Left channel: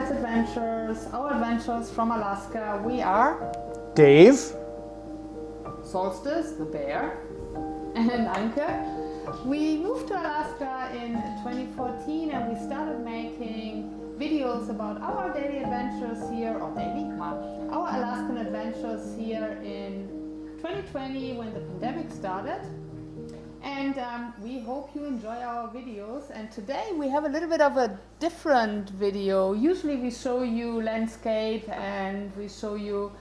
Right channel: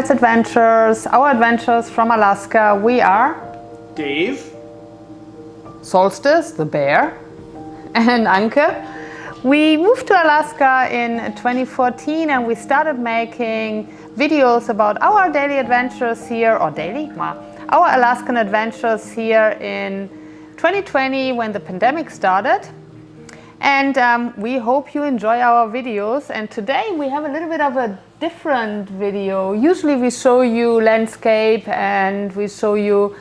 Untitled Adventures, our adventures from Alaska. We are Dave, Solstice, the bear, and Anke. We moved to Alaska in 2014 and we started making videos about our daily adventures here, our Alaskan adventures here in 2020 when the pandemic started. And we hope you enjoy our videos. And today we have a little bit of a different video. Usually we show you landscape and we show you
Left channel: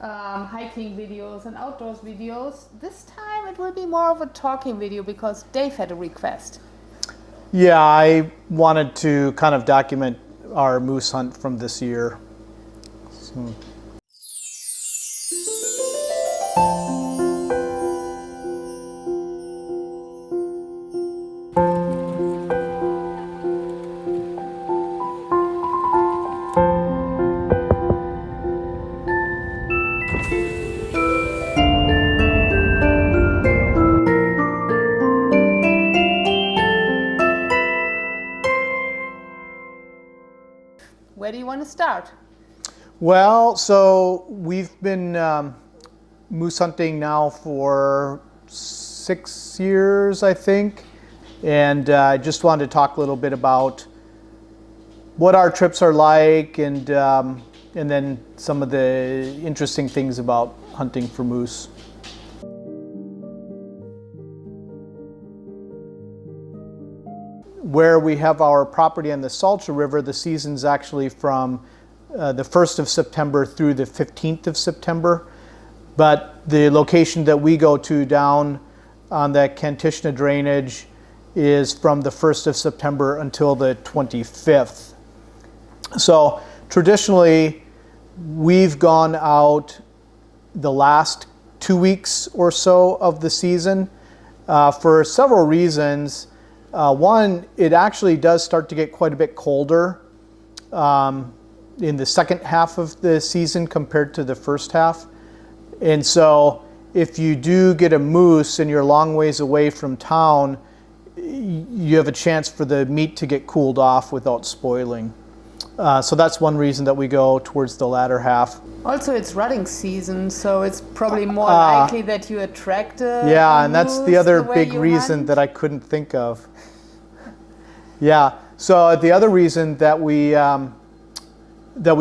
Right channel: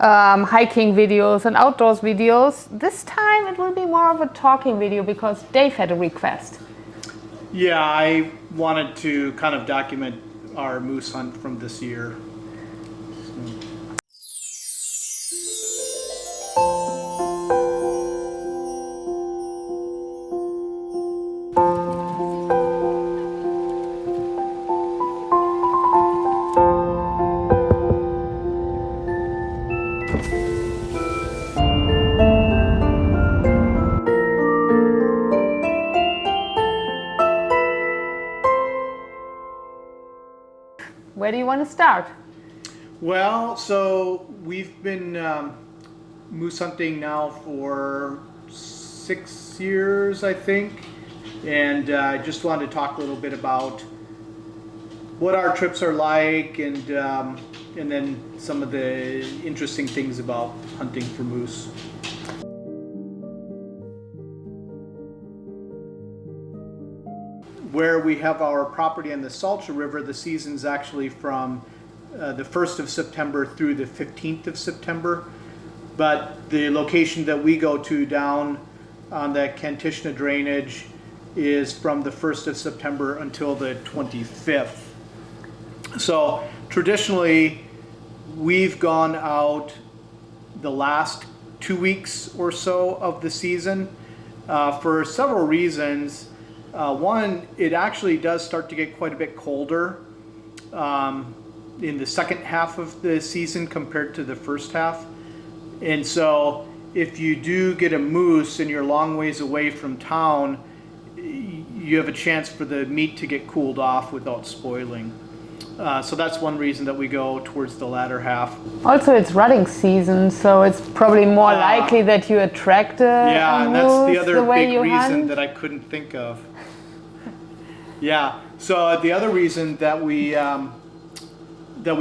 hiking videos and outdoors videos. This time it will be more of a talking video because Dave had a request. yeah, I wanted to kind of document our moose hunt from this year. So. Where do you want to start? Well, so we've been moose hunting now for 6 years, I think, and I just wanted to talk a little bit about what our trips are like, and then some of the interesting things about hunting for moose. Where we have our property on the Salcha River, the season's actually from the 1st of September through the 15th of September. But the location that we go to down on the Kantishna drainage is from the 1st of September until the 25th. So traditionally, we've gone out the last 2 weeks or so of the season for several reasons. One, it actually does start to get quite a bit colder in the second half of the season compared to the first half. And so if you do get a moose and you're a long ways away from town, you have a chance for the meat to get cooled off without spoiling. So that's one reason that we go towards the latter half. Also, it's rutting season, so it's probably more likely that you attract a Yeah, and that's moose the other way big you reason hunt. that I couldn't think of. Yeah, so the other reason that we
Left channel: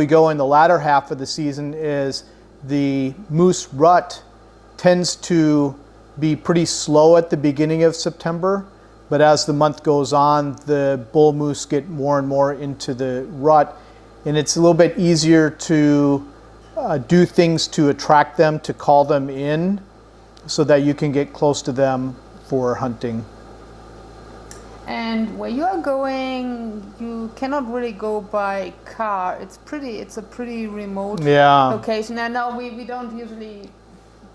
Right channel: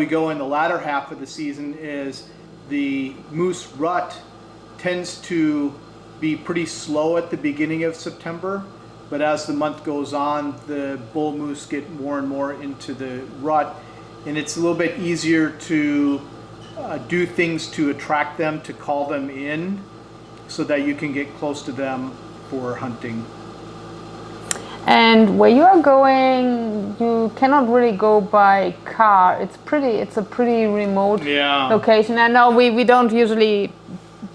go in the latter half of the season is the moose rut tends to be pretty slow at the beginning of September, but as the month goes on, the bull moose get more and more into the rut, and it's a little bit easier to do things to attract them, to call them in, so that you can get close to them for hunting. And where you are going, you cannot really go by car. It's a pretty remote location. I know we don't usually,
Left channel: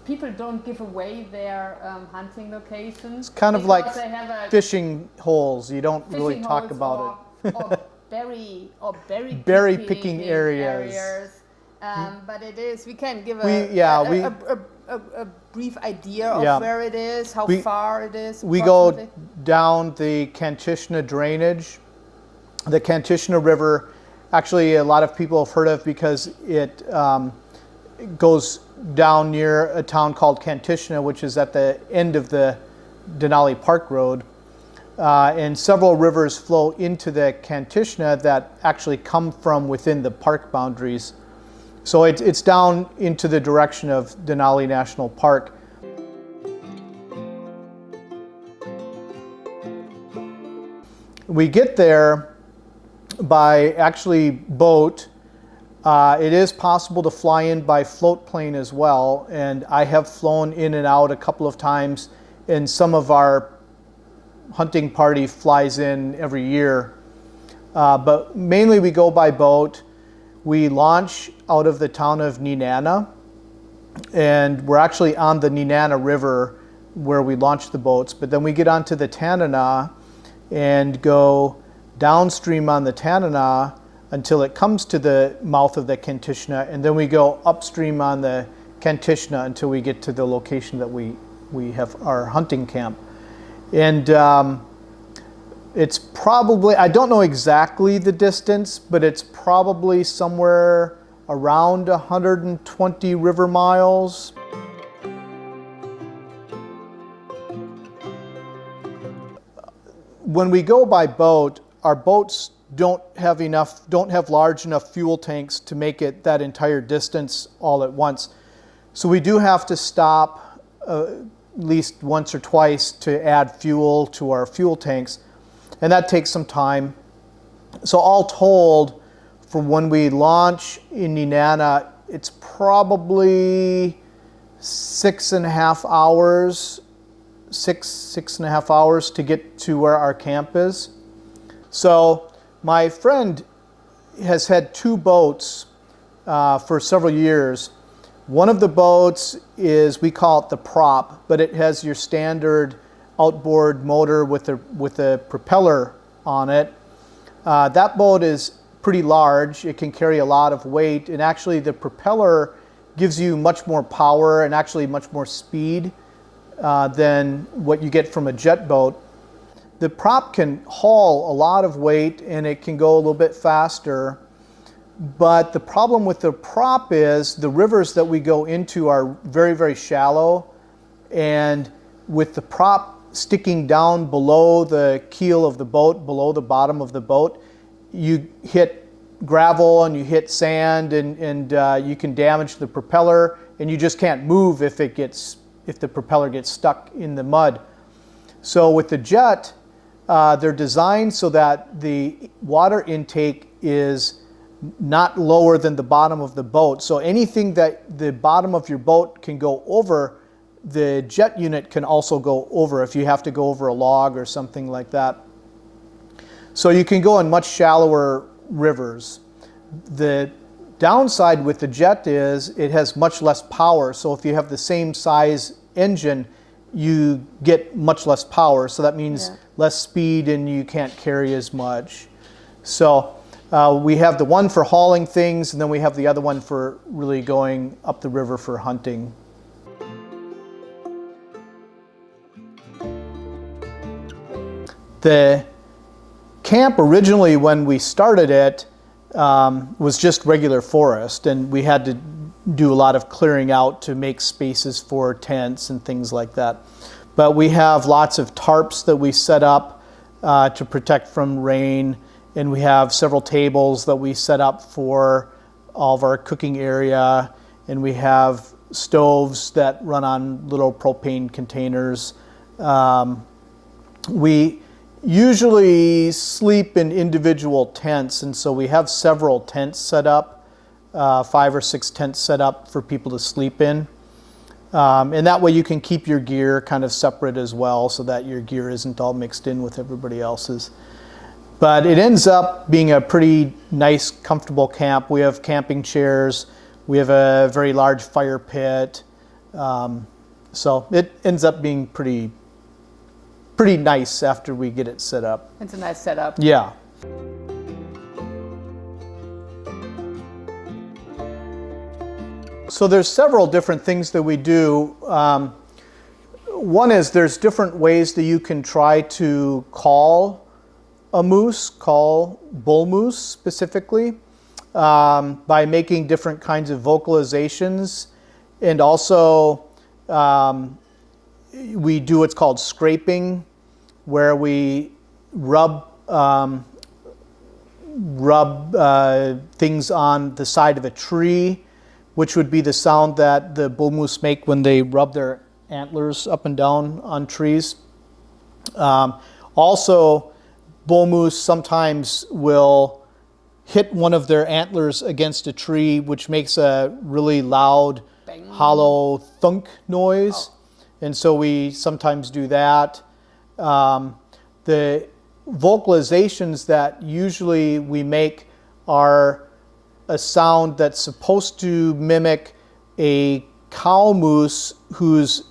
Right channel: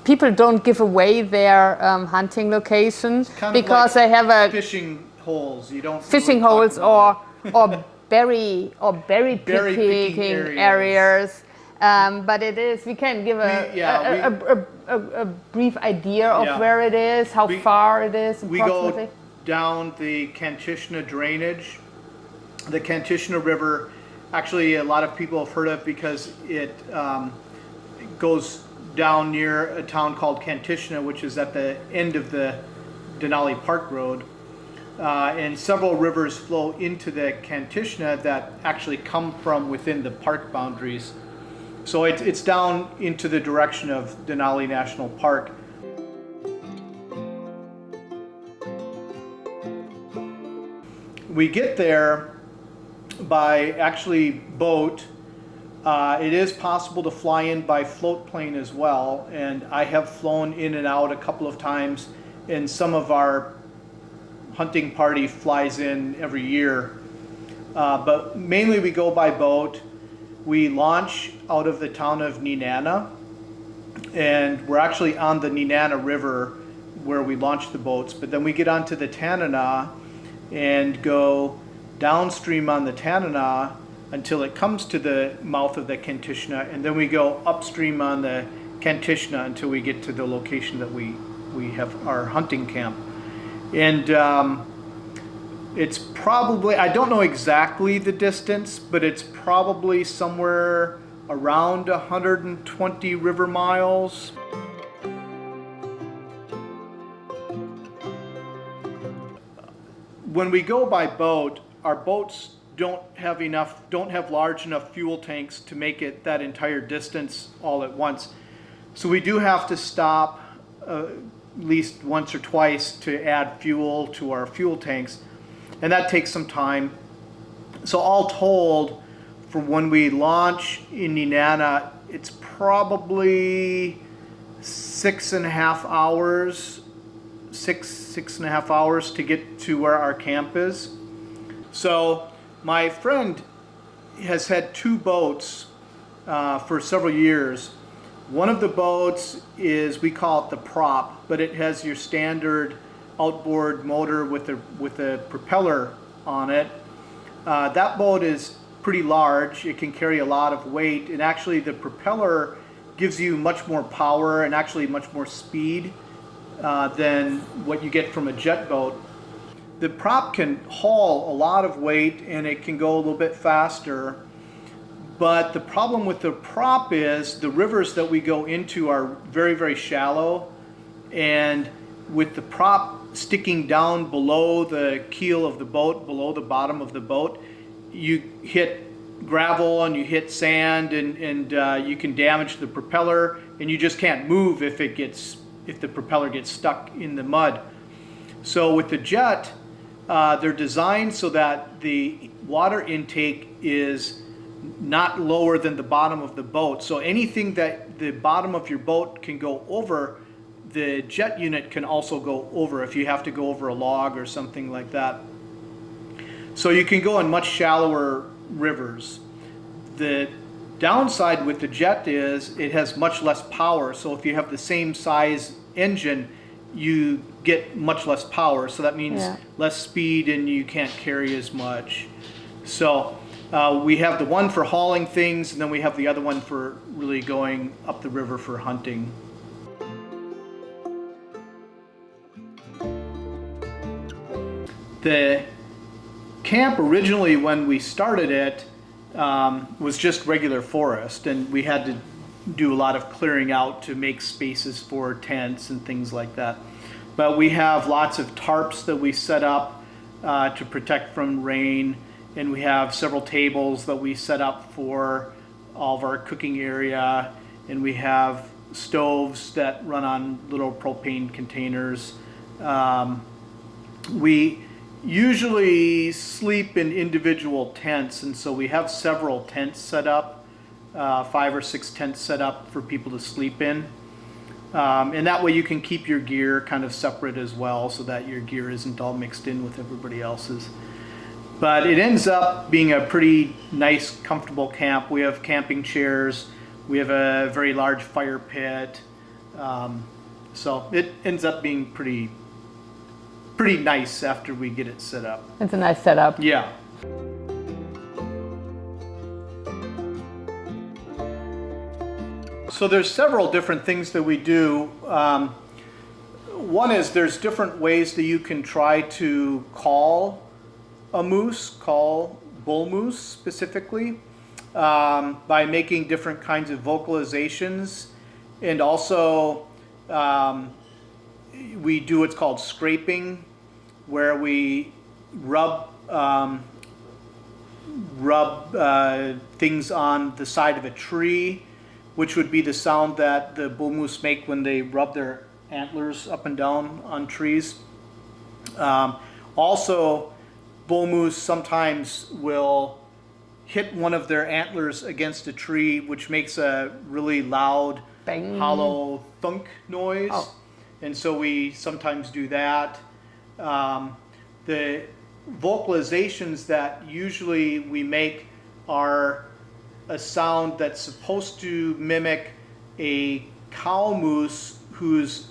people don't give away their hunting locations Kind of because like they have a fishing holes. You don't fishing really holes talk or berry picking areas. But it is, we can give a brief idea of where it is, how far it is. We go down the Kantishna drainage. The Kantishna River, actually a lot of people have heard of because it goes down near a town called Kantishna, which is at the end of the Denali Park Road. And several rivers flow into the Kantishna that actually come from within the park boundaries. So it's down into the direction of Denali National Park. We get there by actually boat. It is possible to fly in by float plane as well, and I have flown in and out a couple of times, and some of our hunting party flies in every year. But mainly we go by boat. We launch out of the town of Nenana, and we're actually on the Nenana River where we launch the boats, but then we get onto the Tanana and go downstream on the Tanana until it comes to the mouth of the Kantishna, and then we go upstream on the Kantishna until we get to the location that we have our hunting camp. And It's probably, I don't know exactly the distance, but it's probably somewhere around 120 river miles. When we go by boat, our boats don't have large enough fuel tanks to make it that entire distance all at once. So we do have to stop at least once or twice to add fuel to our fuel tanks, and that takes some time. So all told, from when we launch in Nenana, it's probably 6.5 hours, six and a half hours to get to where our camp is. So my friend has had 2 boats for several years. One of the boats is, we call it the prop, but it has your standard outboard motor with a propeller on it. That boat is pretty large. It can carry a lot of weight, and actually the propeller gives you much more power and actually much more speed than what you get from a jet boat. The prop can haul a lot of weight and it can go a little bit faster, but the problem with the prop is the rivers that we go into are very, very shallow, and with the prop sticking down below the keel of the boat, below the bottom of the boat, you hit gravel and you hit sand, and you can damage the propeller, and you just can't move if the propeller gets stuck in the mud. So with the jet, they're designed so that the water intake is not lower than the bottom of the boat. So anything that the bottom of your boat can go over, the jet unit can also go over if you have to go over a log or something like that. So you can go in much shallower rivers. The downside with the jet is it has much less power. So if you have the same size engine, you get much less power. So that means less speed and you can't carry as much. So we have the one for hauling things, and then we have the other one for really going up the river for hunting. The camp originally, when we started it, was just regular forest, and we had to do a lot of clearing out to make spaces for tents and things like that. But we have lots of tarps that we set up to protect from rain, and we have several tables that we set up for all of our cooking area, and we have stoves that run on little propane containers. We usually sleep in individual tents, and so we have several tents set up, 5 or 6 tents set up for people to sleep in. And that way you can keep your gear kind of separate as well, so that your gear isn't all mixed in with everybody else's. But it ends up being a pretty nice, comfortable camp. We have camping chairs. We have a very large fire pit. So it ends up being pretty nice after we get it set up. It's a nice setup. Yeah. So there's several different things that we do. One is there's different ways that you can try to call a moose, call bull moose specifically, by making different kinds of vocalizations. And also we do what's called scraping, where we rub things on the side of a tree, which would be the sound that the bull moose make when they rub their antlers up and down on trees. Also, bull moose sometimes will hit one of their antlers against a tree, which makes a really loud, bang, hollow thunk noise. Oh. And so we sometimes do that. The vocalizations that usually we make are a sound that's supposed to mimic a cow moose who's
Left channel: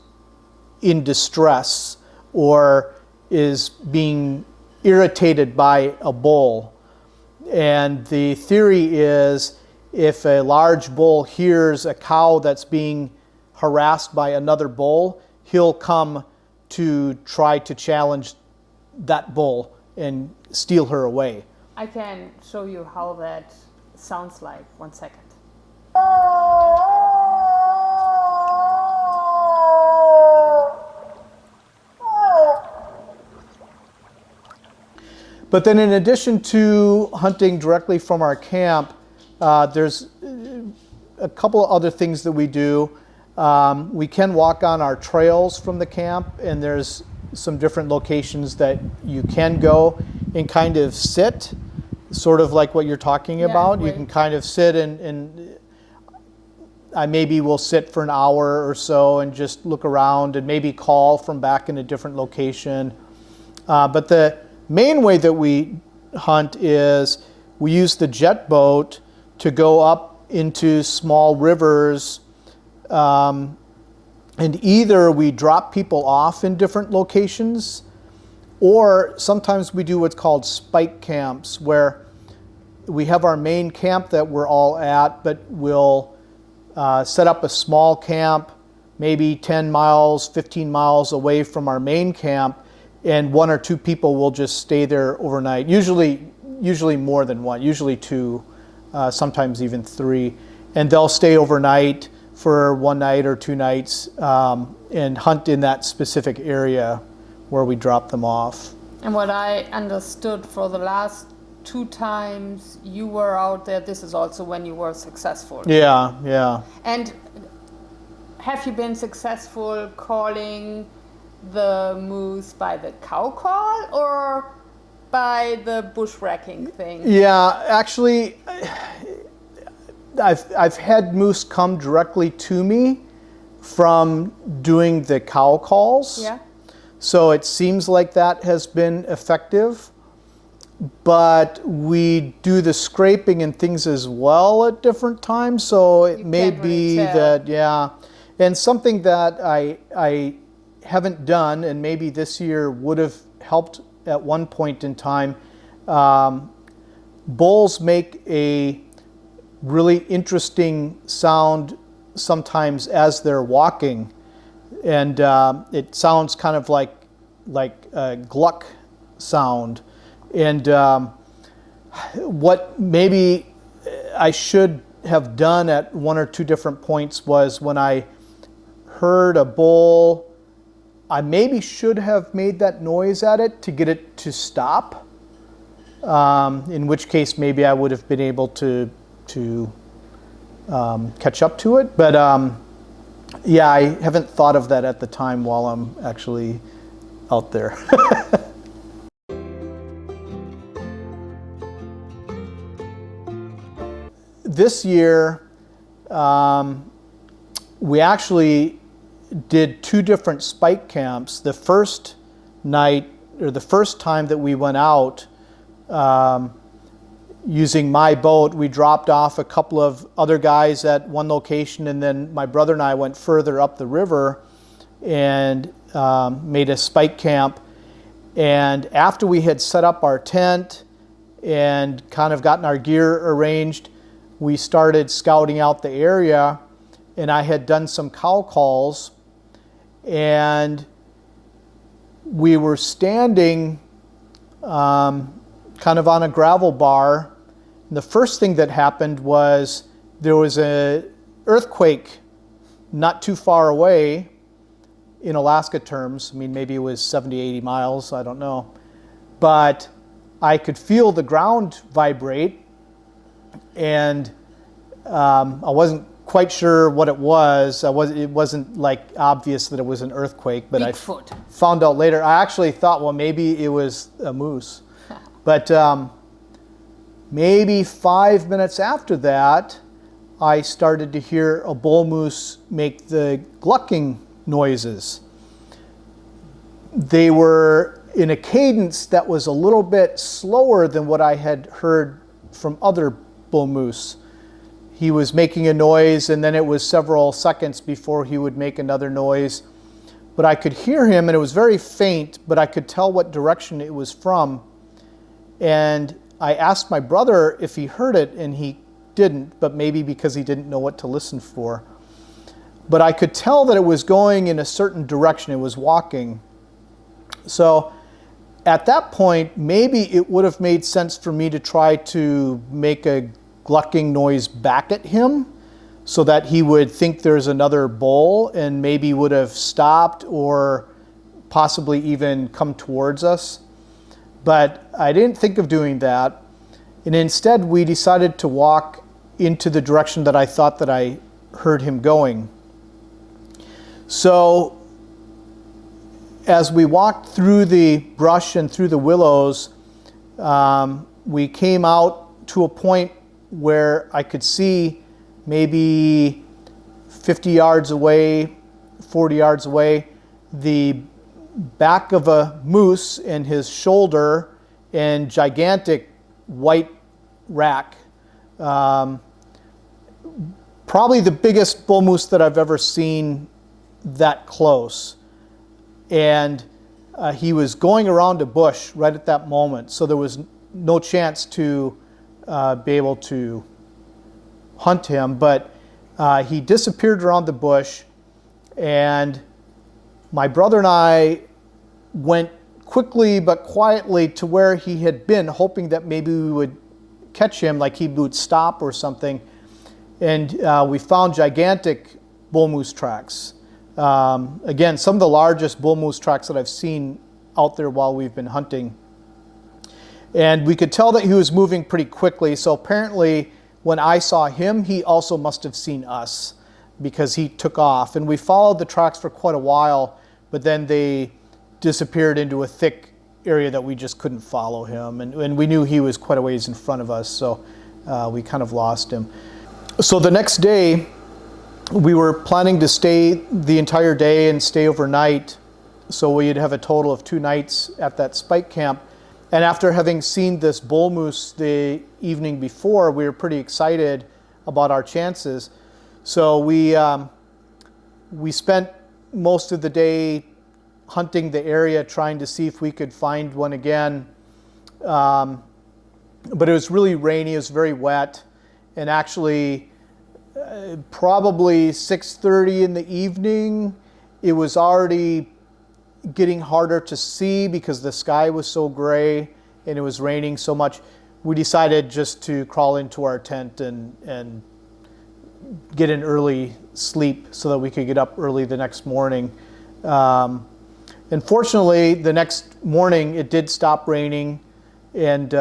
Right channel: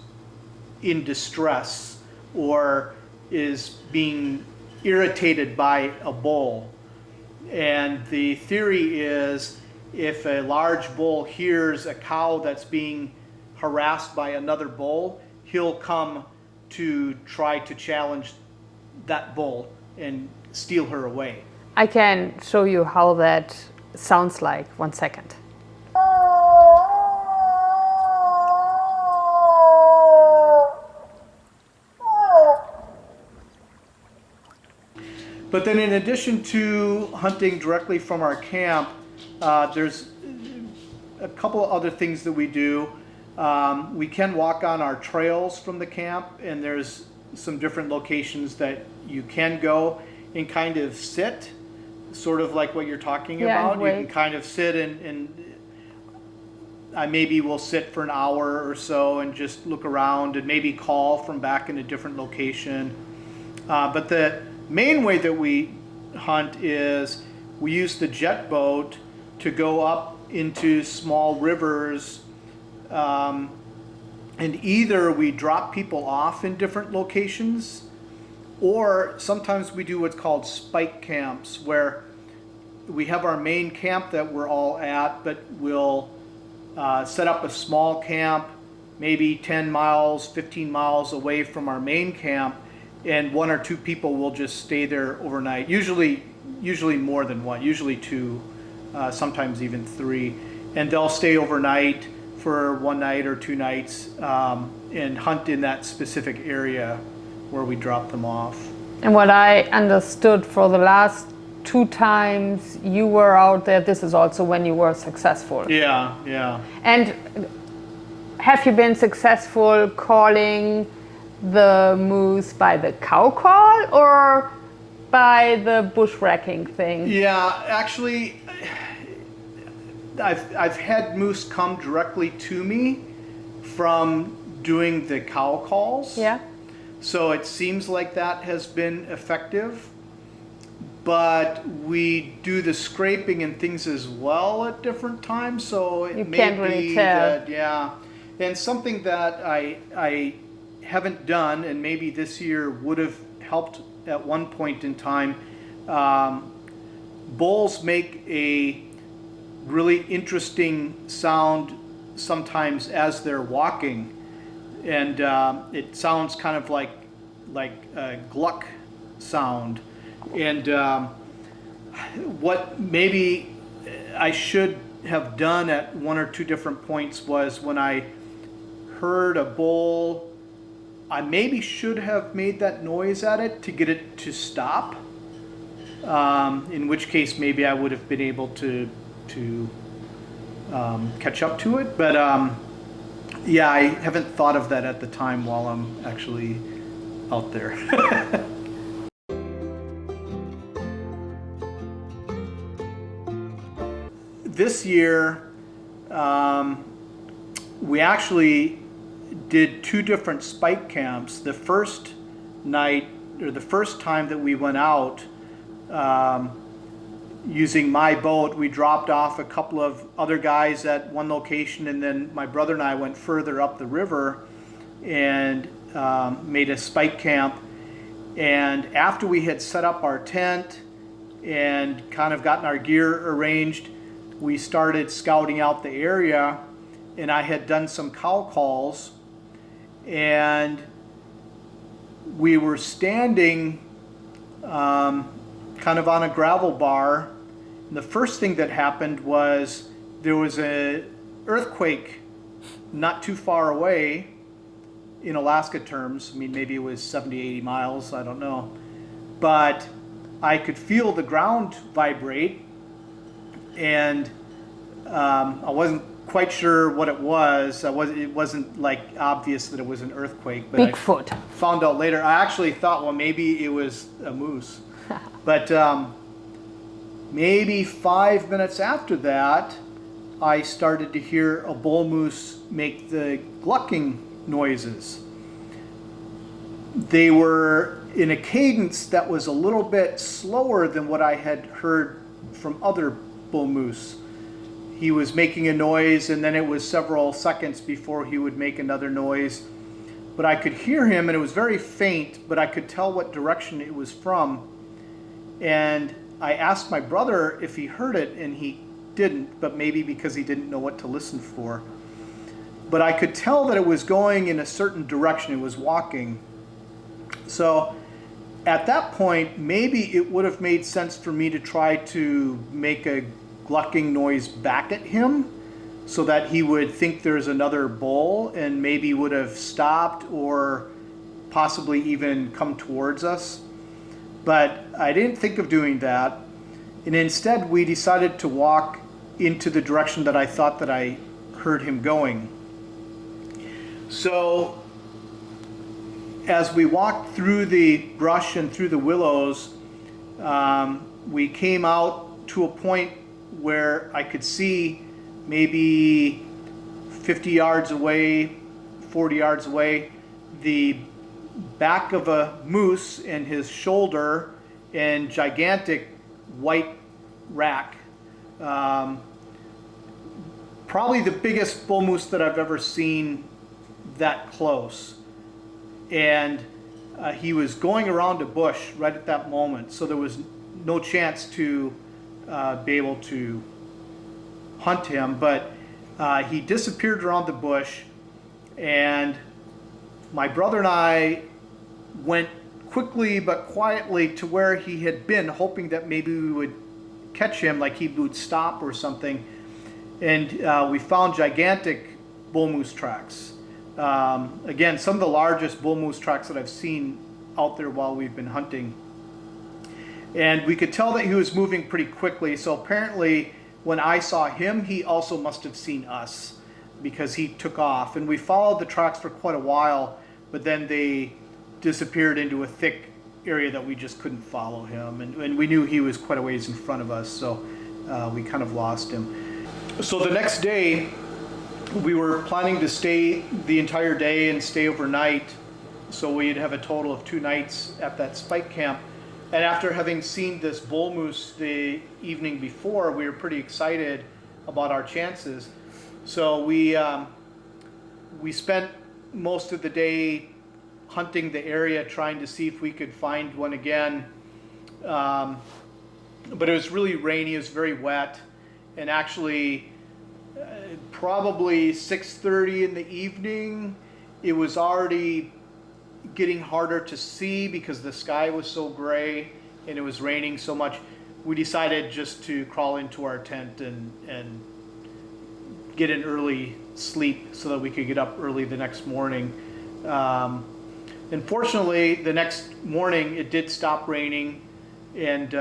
in distress or is being irritated by a bull. And the theory is if a large bull hears a cow that's being harassed by another bull, he'll come to try to challenge that bull and steal her away. I can show you how that sounds like. 1 second. But then in addition to hunting directly from our camp, there's a couple of other things that we do. We can walk on our trails from the camp, and there's some different locations that you can go and kind of sit, sort of like what you're talking about. You can kind of sit and I maybe will sit for an hour or so and just look around and maybe call from back in a different location. But the main way that we hunt is we use the jet boat to go up into small rivers, and either we drop people off in different locations, or sometimes we do what's called spike camps, where we have our main camp that we're all at, but we'll set up a small camp maybe 10 miles, 15 miles away from our main camp, and 1 or 2 people will just stay there overnight. Usually more than one, usually 2, sometimes even 3. And they'll stay overnight for 1 night or 2 nights and hunt in that specific area where we drop them off. And what I understood, for the last 2 times you were out there, this is also when you were successful. Yeah. And have you been successful calling the moose by the cow call or by the bushwhacking thing? Yeah, actually, I've had moose come directly to me from doing the cow calls. Yeah. So it seems like that has been effective. But we do the scraping and things as well at different times, so it may be that, yeah. And something that I haven't done, and maybe this year would have helped at one point in time, bulls make a really interesting sound sometimes as they're walking, and it sounds kind of like a gluck sound. And what maybe I should have done at 1 or 2 different points was when I heard a bull, I maybe should have made that noise at it to get it to stop, in which case maybe I would have been able to catch up to it. But yeah, I haven't thought of that at the time while I'm actually out there. This year, we actually did 2 different spike camps. The first night, or the first time that we went out, using my boat, we dropped off a couple of other guys at one location, and then my brother and I went further up the river and made a spike camp. And after we had set up our tent and kind of gotten our gear arranged, we started scouting out the area, and I had done some cow calls, and we were standing kind of on a gravel bar. And the first thing that happened was there was an earthquake not too far away in Alaska terms. I mean, maybe it was 70, 80 miles, I don't know. But I could feel the ground vibrate, and I wasn't quite sure what it was. It wasn't like obvious that it was an earthquake, but Bigfoot. I found out later. I actually thought, well, maybe it was a moose. But maybe 5 minutes after that, I started to hear a bull moose make the glucking noises. They were in a cadence that was a little bit slower than what I had heard from other bull moose. He was making a noise, and then it was several seconds before he would make another noise. But I could hear him, and it was very faint, but I could tell what direction it was from. And I asked my brother if he heard it, and he didn't, but maybe because he didn't know what to listen for. But I could tell that it was going in a certain direction. It was walking. So at that point, maybe it would have made sense for me to try to make a glucking noise back at him so that he would think there's another bull and maybe would have stopped or possibly even come towards us. But I didn't think of doing that. And instead, we decided to walk into the direction that I thought that I heard him going. So as we walked through the brush and through the willows, we came out to a point where I could see maybe 50 yards away, 40 yards away, the back of a moose and his shoulder and gigantic white rack. Probably the biggest bull moose that I've ever seen that close. And he was going around a bush right at that moment, so there was no chance to be able to hunt him, but he disappeared around the bush, and my brother and I went quickly but quietly to where he had been, hoping that maybe we would catch him, like he would stop or something. And we found gigantic bull moose tracks. Again, some of the largest bull moose tracks that I've seen out there while we've been hunting. And we could tell that he was moving pretty quickly, so apparently when I saw him, he also must have seen us because he took off. And we followed the tracks for quite a while, but then they disappeared into a thick area that we just couldn't follow him. And we knew he was quite a ways in front of us, so we kind of lost him. So the next day, we were planning to stay the entire day and stay overnight, so we'd have a total of 2 nights at that spike camp. And after having seen this bull moose the evening before, we were pretty excited about our chances. So we spent most of the day hunting the area, trying to see if we could find one again. But it was really rainy, it was very wet, and actually probably 6:30 in the evening, it was already getting harder to see because the sky was so gray and it was raining so much. We decided just to crawl into our tent and get an early sleep so that we could get up early the next morning. And fortunately, the next morning it did stop raining, and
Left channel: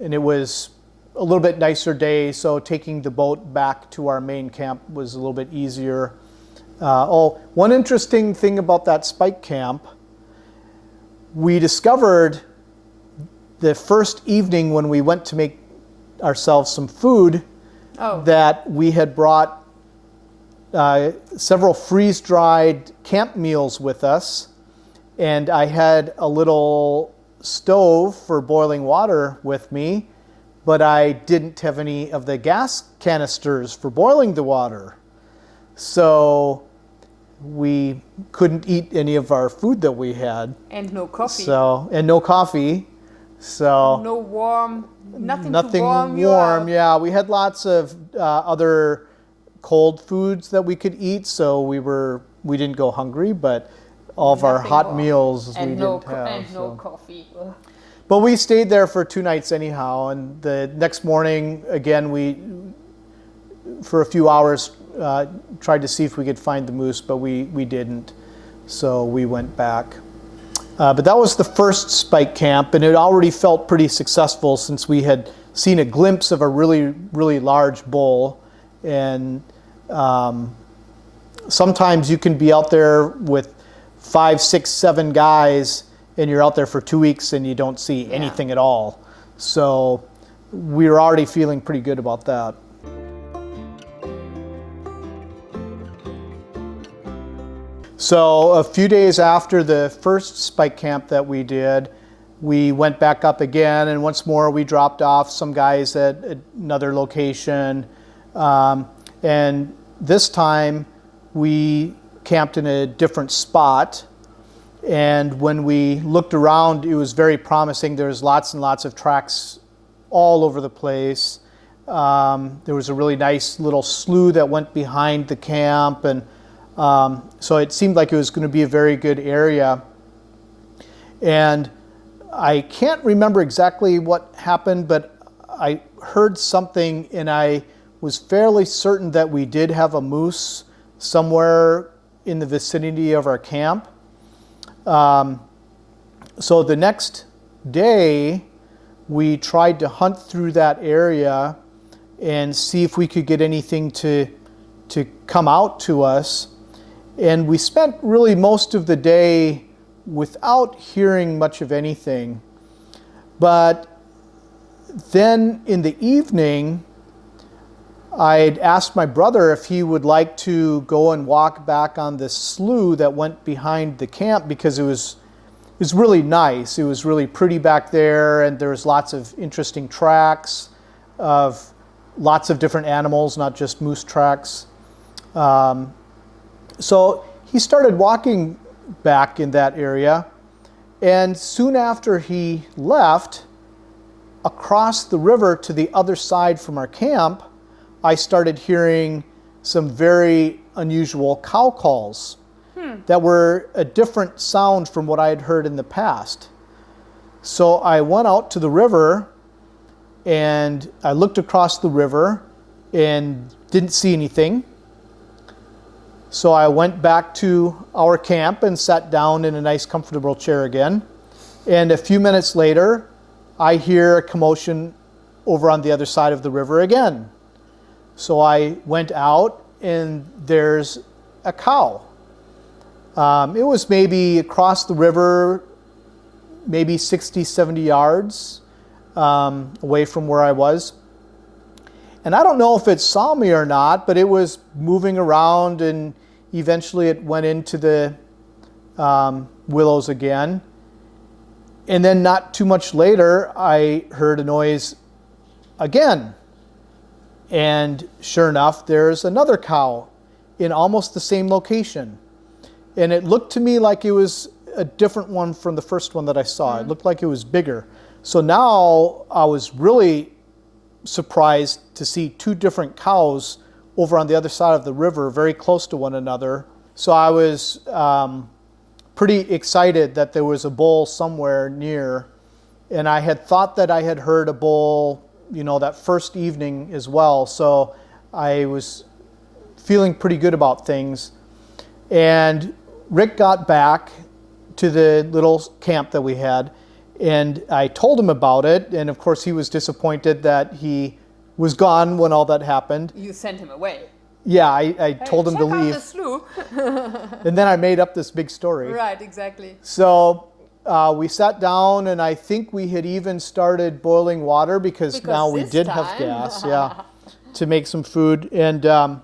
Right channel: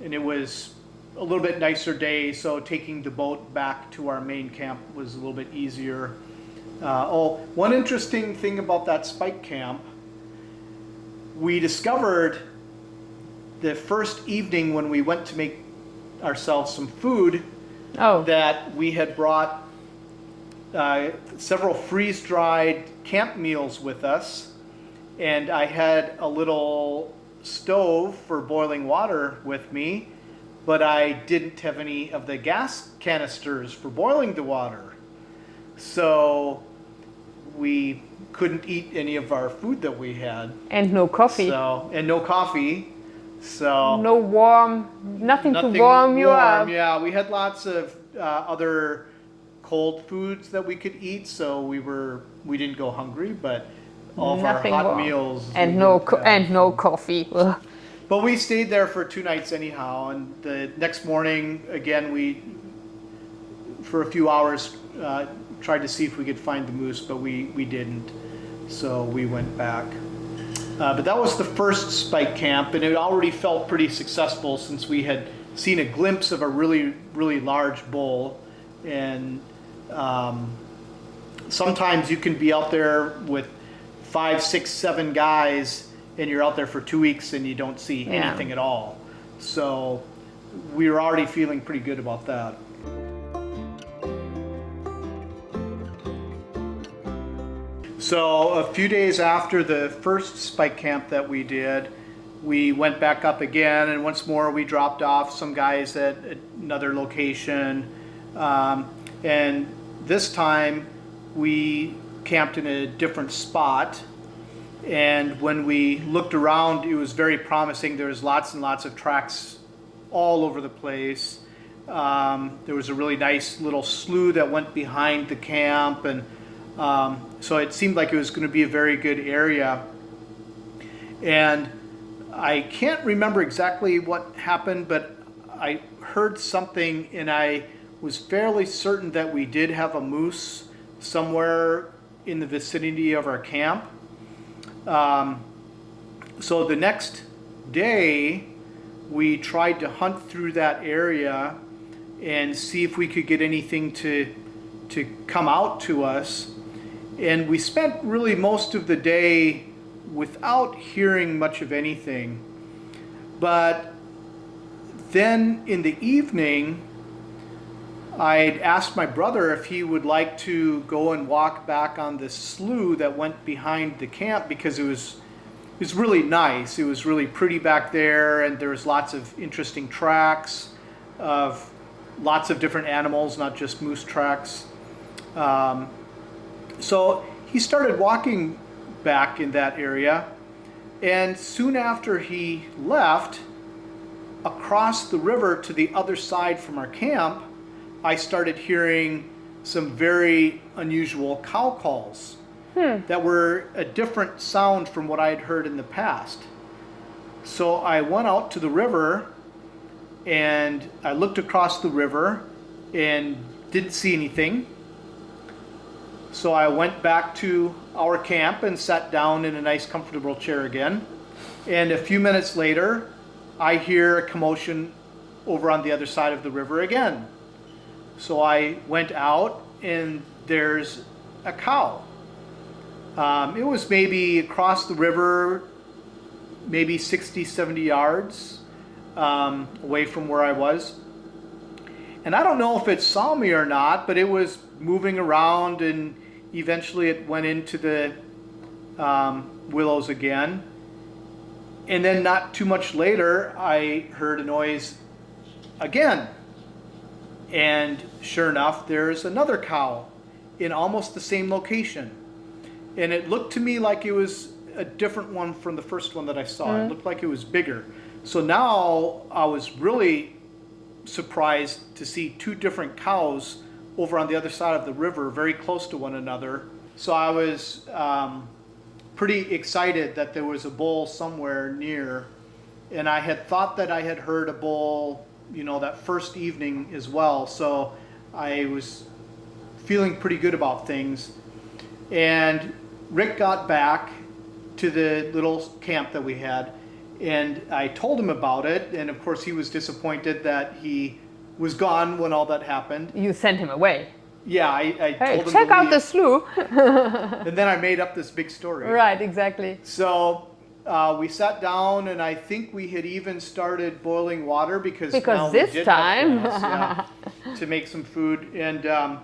it was a little bit nicer day, so taking the boat back to our main camp was a little bit easier. One interesting thing about that spike camp, we discovered the first evening when we went to make ourselves some food that we had brought several freeze-dried camp meals with us, and I had a little stove for boiling water with me, but I didn't have any of the gas canisters for boiling the water. So we couldn't eat any of our food that we had. And no coffee. And no coffee. So no nothing to warm you up. Yeah, we had lots of other cold foods that we could eat, so we didn't go hungry, but all of our hot meals and no coffee. Ugh. But we stayed there for 2 nights anyhow, and the next morning again we for a few hours tried to see if we could find the moose, but we didn't, so we went back. But that was the first spike camp, and it already felt pretty successful since we had seen a glimpse of a really, really large bull. And sometimes you can be out there with 5, 6, 7 guys, and you're out there for 2 weeks and you don't see anything at all. So we were already feeling pretty good about that. So a few days after the first spike camp that we did, we went back up again, and once more we dropped off some guys at another location. And this time we camped in a different spot. And when we looked around, it was very promising. There was lots and lots of tracks all over the place. There was a really nice little slough that went behind the camp, and so it seemed like it was going to be a very good area. And I can't remember exactly what happened, but I heard something, and I was fairly certain that we did have a moose somewhere in the vicinity of our camp. So the next day, we tried to hunt through that area and see if we could get anything to come out to us. And we spent really most of the day without hearing much of anything. But then in the evening, I'd asked my brother if he would like to go and walk back on this slough that went behind the camp, because it was really nice. It was really pretty back there, and there was lots of interesting tracks of lots of different animals, not just moose tracks. So he started walking back in that area, and soon after he left, across the river to the other side from our camp, I started hearing some very unusual cow calls that were a different sound from what I had heard in the past. So I went out to the river, and I looked across the river and didn't see anything. So I went back to our camp and sat down in a nice comfortable chair again. And a few minutes later, I hear a commotion over on the other side of the river again. So I went out, and there's a cow. It was maybe across the river, maybe 60, 70 yards away from where I was. And I don't know if it saw me or not, but it was moving around, and eventually it went into the willows again. And then not too much later, I heard a noise again. And sure enough, there's another cow in almost the same location. And it looked to me like it was a different one from the first one that I saw. It looked like it was bigger. So now I was really surprised to see two different cows over on the other side of the river, very close to one another. So I was pretty excited that there was a bull somewhere near. And I had thought that I had heard a bull, that first evening as well. So I was feeling pretty good about things. And Rick got back to the little camp that we had, and I told him about it. And of course, he was disappointed that he was gone when all that happened. You sent him away. Yeah, I told him to leave. Check out the slough. And then I made up this big story. Right, exactly. So we sat down, and I think we had even started boiling water because now we did have gas, to make some food. And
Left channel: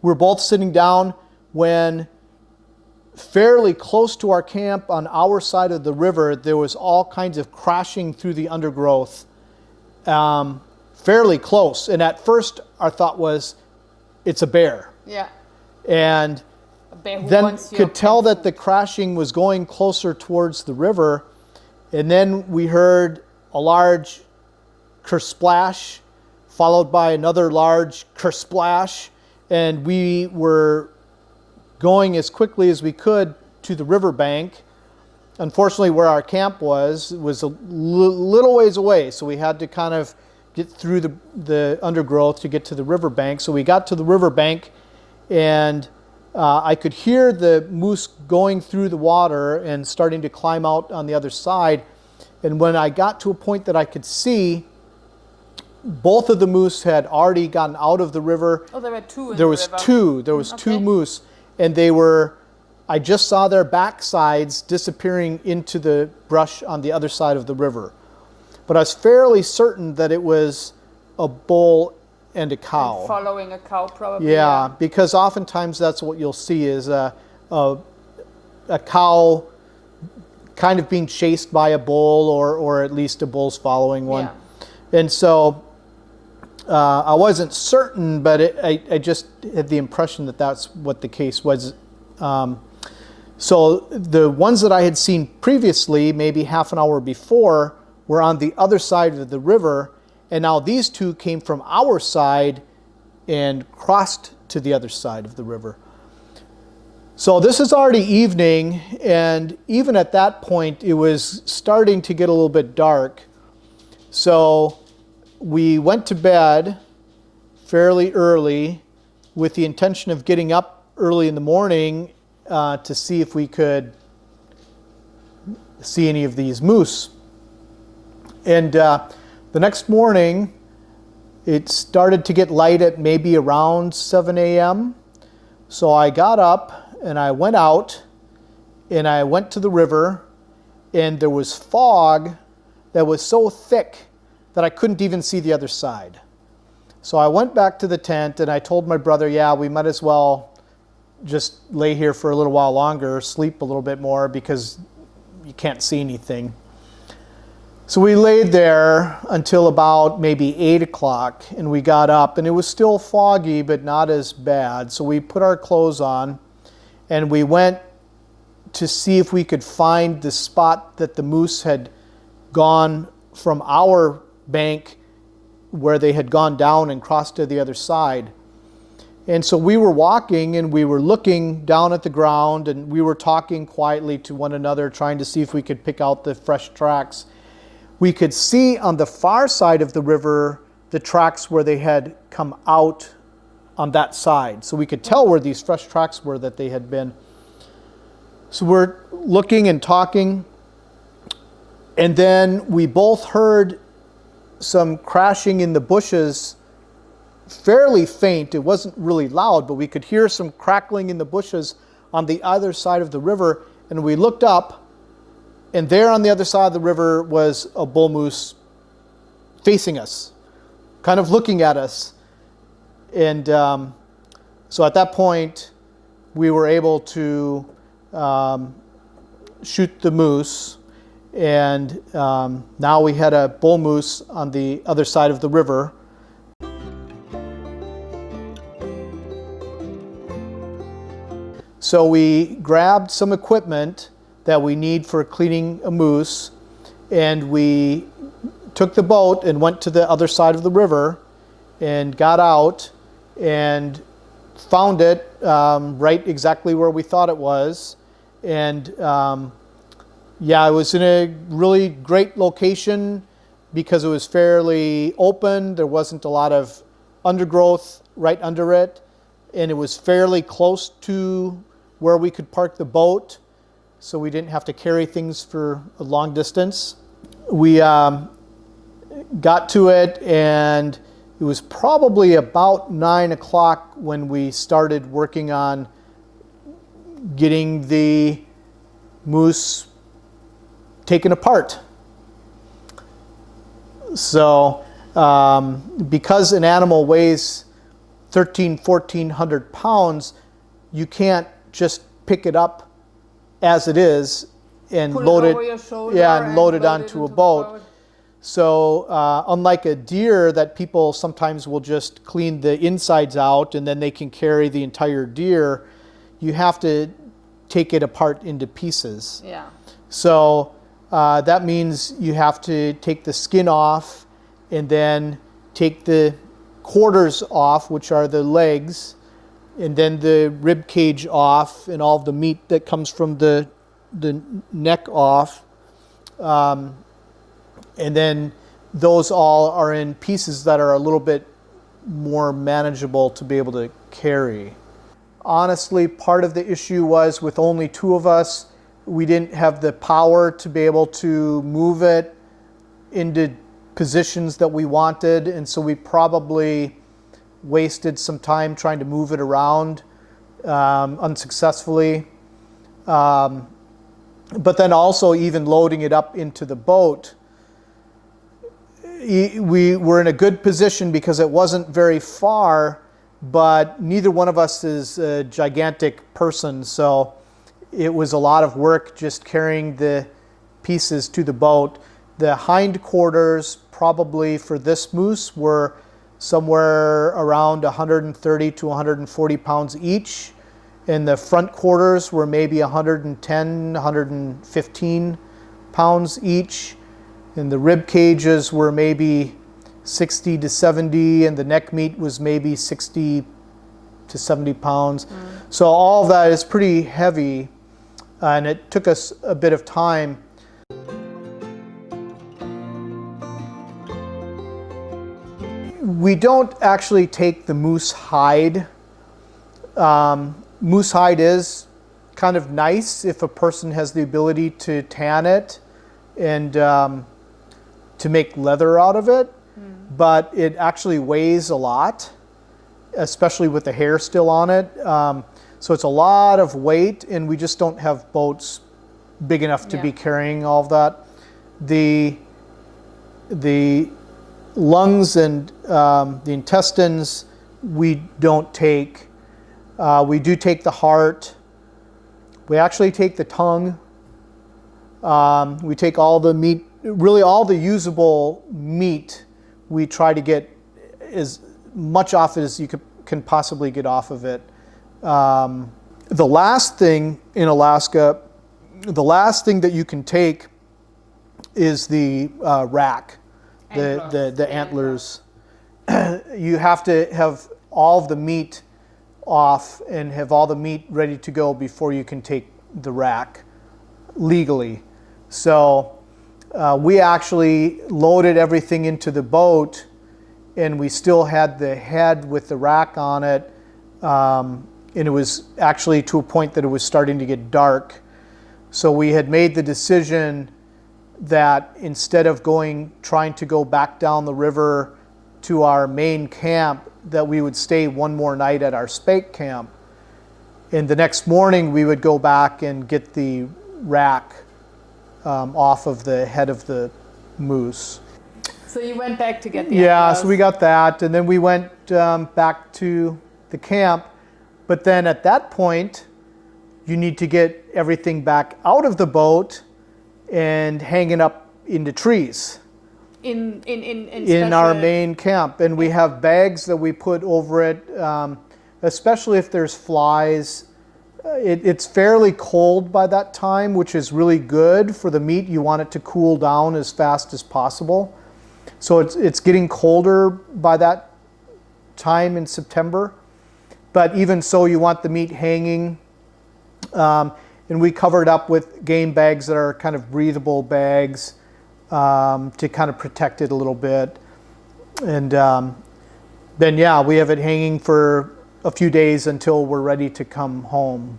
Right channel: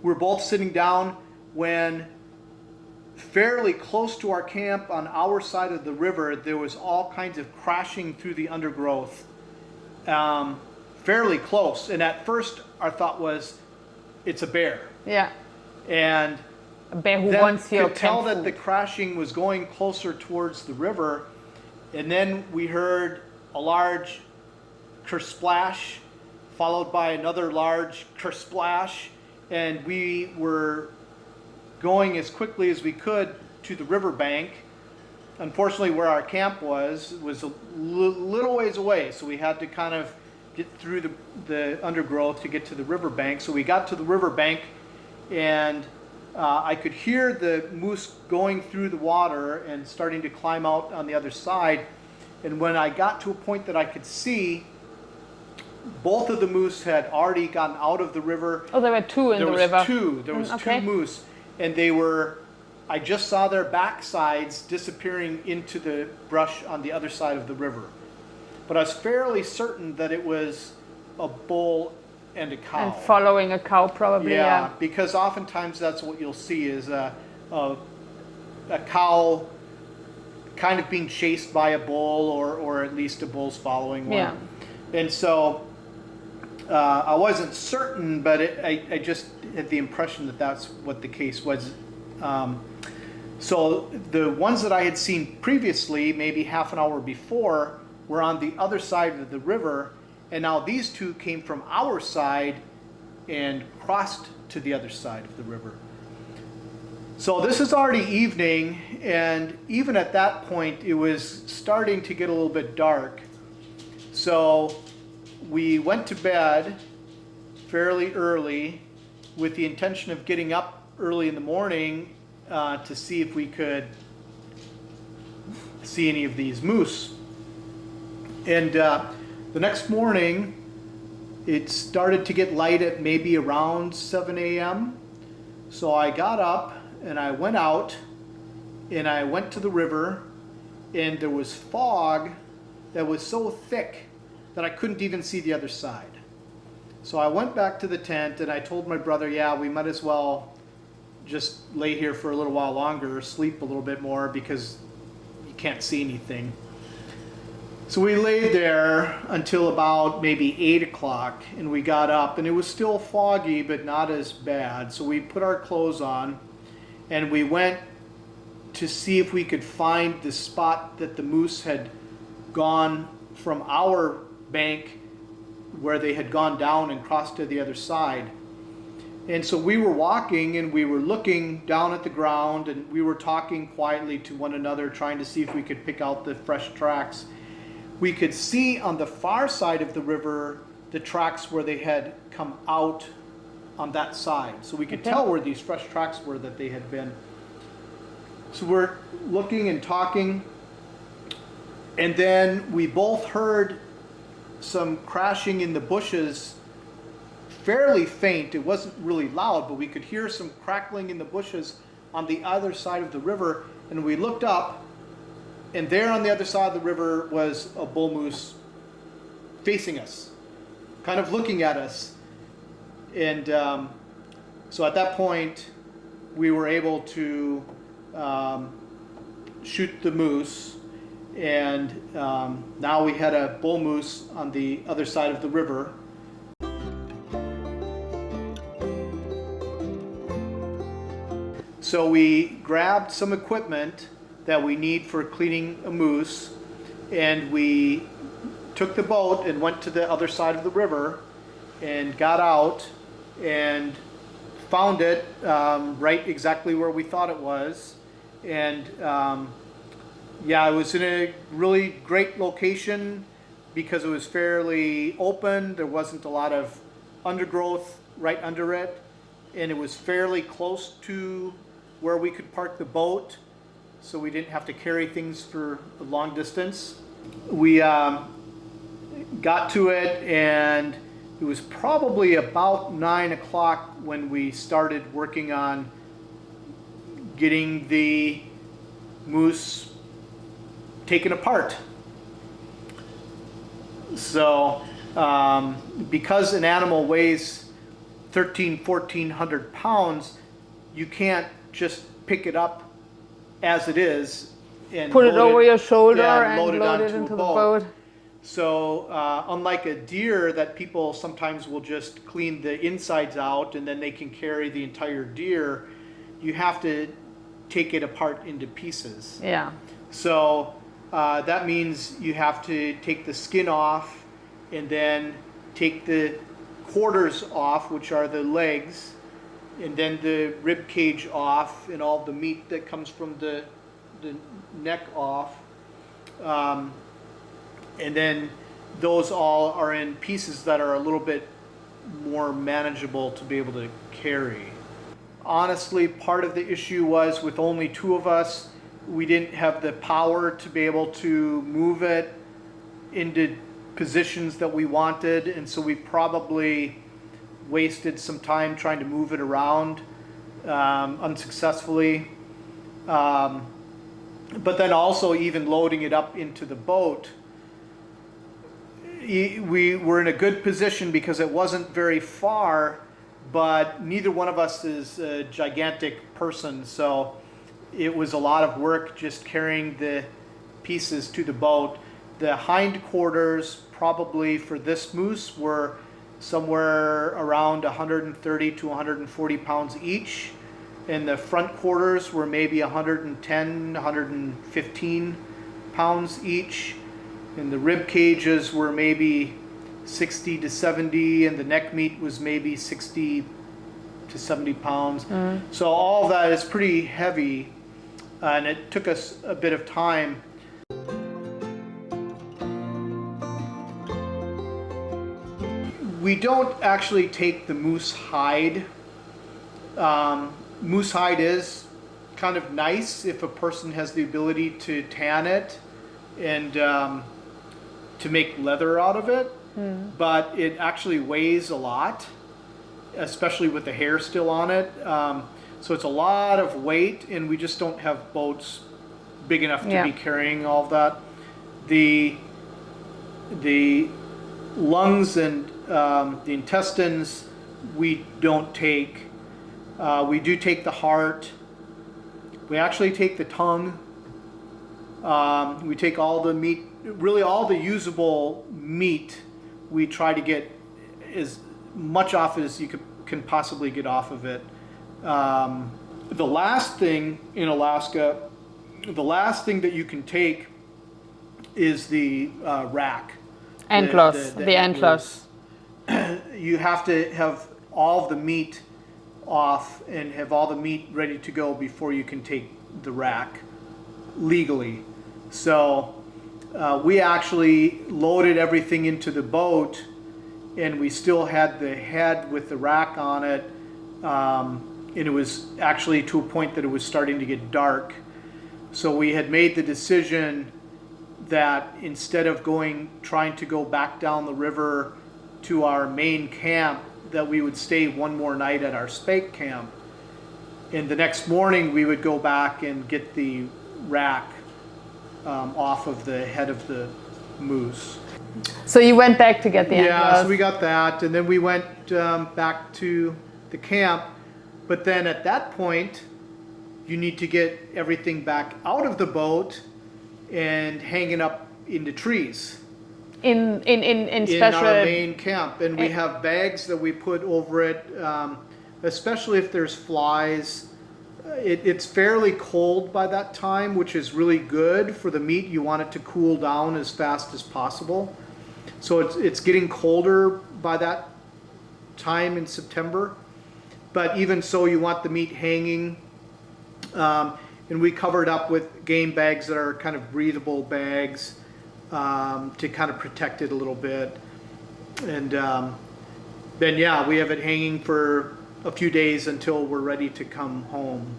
we're both sitting down when, fairly close to our camp on our side of the river, there was all kinds of crashing through the undergrowth, fairly close. And at first, our thought was, it's a bear. Yeah. And a bear who then wants your could tell food. that the crashing was going closer towards the river. And then we heard a large kersplash, followed by another large kersplash. And we were going as quickly as we could to the riverbank. Unfortunately, where our camp was a little ways away, so we had to kind of get through the undergrowth to get to the riverbank. So we got to the riverbank, and I could hear the moose going through the water and starting to climb out on the other side. And when I got to a point that I could see, both of the moose had already gotten out of the river. Oh, there were two in the river. There was two moose. And I just saw their backsides disappearing into the brush on the other side of the river. But I was fairly certain that it was a bull and a cow. And following a cow, probably. Yeah, because oftentimes that's what you'll see is a cow kind of being chased by a bull, or at least a bull's following one. Yeah. And so I wasn't certain, but I just had the impression that that's what the case was. So the ones that I had seen previously, maybe half an hour before, were on the other side of the river, and now these two came from our side and crossed to the other side of the river. So this is already evening, and even at that point, it was starting to get a little bit dark. So we went to bed fairly early with the intention of getting up early in the morning to see if we could see any of these moose. And the next morning, it started to get light at maybe around 7 a.m. So I got up and I went out and I went to the river, and there was fog that was so thick that I couldn't even see the other side. So I went back to the tent and I told my brother, yeah, we might as well just lay here for a little while longer, sleep a little bit more because you can't see anything. So we laid there until about maybe 8 o'clock, and we got up, and it was still foggy but not as bad. So we put our clothes on and we went to see if we could find the spot that the moose had gone from our bank, where they had gone down and crossed to the other side. And so we were walking and we were looking down at the ground, and we were talking quietly to one another, trying to see if we could pick out the fresh tracks. We could see on the far side of the river the tracks where they had come out on that side. So we could tell where these fresh tracks were that they had been. So we're looking and talking, and then we both heard some crashing in the bushes, fairly faint. It wasn't really loud, but we could hear some crackling in the bushes on the other side of the river. And we looked up, and there on the other side of the river was a bull moose facing us, kind of looking at us. And so at that point, we were able to shoot the moose. And now we had a bull moose on the other side of the river. So we grabbed some equipment that we need for cleaning a moose, and we took the boat and went to the other side of the river and got out and found it right exactly where we thought it was. And yeah, it was in a really great location because it was fairly open. There wasn't a lot of undergrowth right under it, and it was fairly close to where we could park the boat, so we didn't have to carry things for a long distance. We got to it, and it was probably about 9 o'clock when we started working on getting the moose taken apart. So because an animal weighs 1,400 pounds, you can't just pick it up as it is and Put load it over your shoulder and load it load onto a boat. So unlike a deer that people sometimes will just clean the insides out and then they can carry the entire deer, you have to take it apart into pieces. Yeah. So that means you have to take the skin off and then take the quarters off, which are the legs, and then the rib cage off and all the meat that comes from the neck off. And then those all are in pieces that are a little bit more manageable to be able to carry. Honestly, part of the issue was with only two of us, we didn't have the power to be able to move it into positions that we wanted, and so we probably wasted some time trying to move it around unsuccessfully. But then also even loading it up into the boat, we were in a good position because it wasn't very far, but neither one of us is a gigantic person, so it was a lot of work just carrying the pieces to the boat. The hind quarters probably for this moose were somewhere around 130 to 140 pounds each, and the front quarters were maybe 110, 115 pounds each, and the rib cages were maybe 60 to 70, and the neck meat was maybe 60 to 70 pounds. So all of that is pretty heavy, and it took us a bit of time. We don't actually take the moose hide. Moose hide is kind of nice if a person has the ability to tan it and to make leather out of it, but it actually weighs a lot, especially with the hair still on it. So it's a lot of weight, and we just don't have boats big enough to be carrying all of that. The lungs and the intestines we don't take. We do take the heart. We actually take the tongue. We take all the meat, really all the usable meat. We try to get as much off as you can possibly get off of it. The last thing in Alaska, the last thing that you can take is the rack. Antlers, the antlers. You have to have all of the meat off and have all the meat ready to go before you can take the rack legally. So we actually loaded everything into the boat, and we still had the head with the rack on it, and it was actually to a point that it was starting to get dark. So we had made the decision that instead of trying to go back down the river to our main camp, that we would stay one more night at our spake camp. And the next morning we would go back and get the rack off of the head of the moose. So you went back to get the Yeah, antlers. so we got that, and then we went back to the camp. But then at that point, you need to get everything back out of the boat and hang it up in the trees. In Our main camp, and we have bags that we put over it, especially if there's flies. It's fairly cold by that time, which is really good for the meat. You want it to cool down as fast as possible. So it's getting colder by that time in September. But even so, you want the meat hanging. And we cover it up with game bags that are kind of breathable bags to kind of protect it a little bit. And then, yeah, we have it hanging for a few days until we're ready to come home.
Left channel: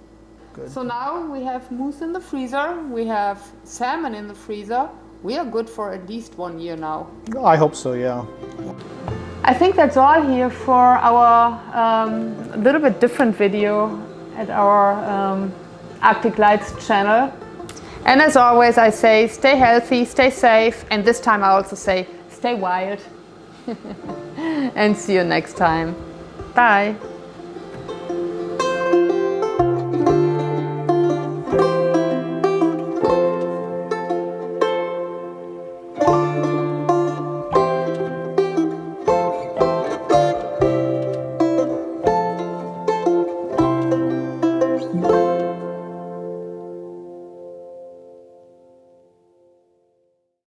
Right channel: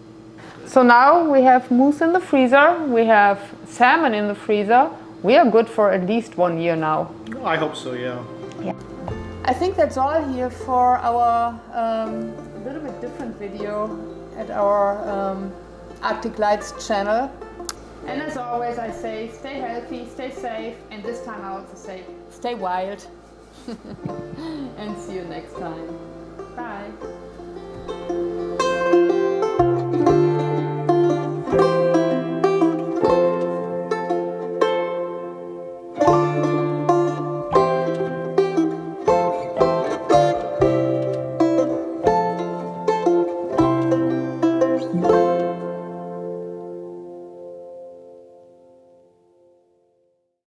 So now we have moose in the freezer, we have salmon in the freezer. We are good for at least 1 year now. I hope so, yeah. I think that's all here for our little bit different video at our Arctic Lights channel. And as always, I say stay healthy, stay safe, and this time I also say stay wild. And see you next time. Bye.